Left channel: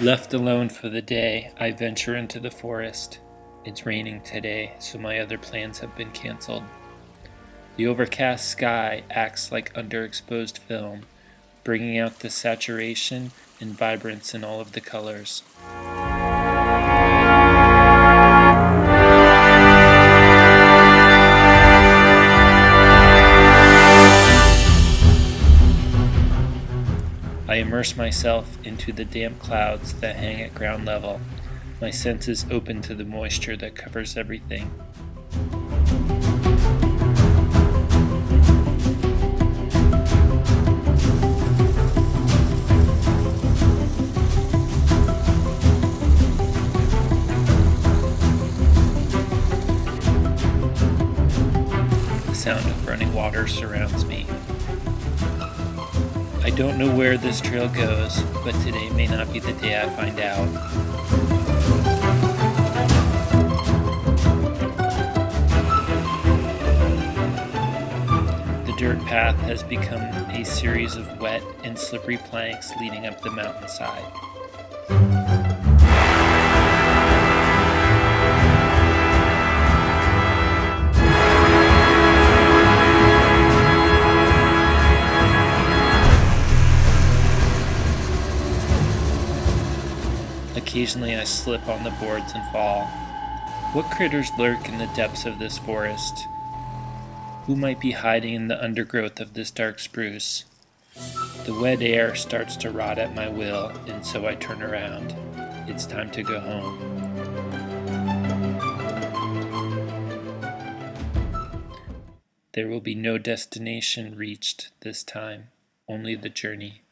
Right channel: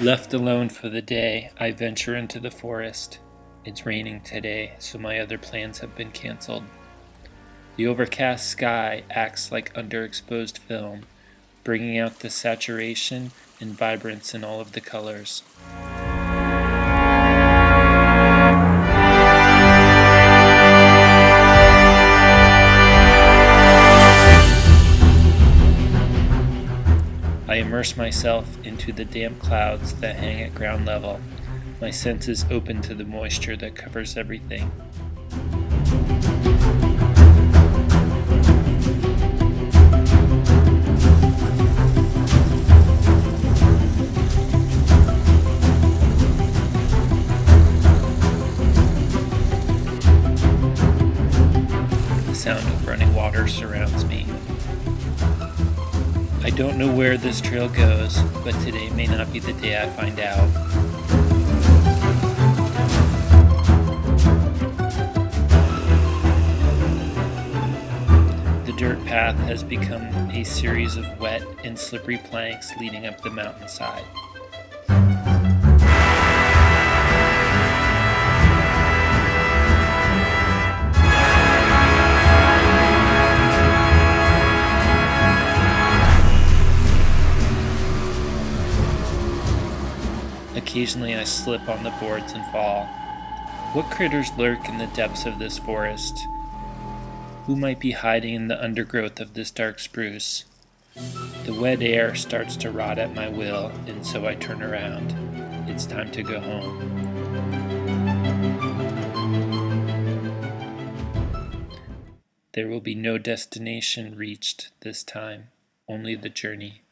Left alone for the day, I venture into the forest. It's raining today, so my other plans have been canceled. The overcast sky acts like underexposed film, bringing out the saturation and vibrance in all of the colors. I immerse myself into the damp clouds that hang at ground level, my senses open to the moisture that covers everything. The sound of running water surrounds me. I don't know where this trail goes, but today may not be the day I find out. The dirt path has become a series of wet and slippery planks leading up the mountainside. Occasionally I slip on the boards and fall. What critters lurk in the depths of this forest? Who might be hiding in the undergrowth of this dark spruce? The wet air starts to rot at my will, and so I turn around. It's time to go home. There will be no destination reached this time, only the journey.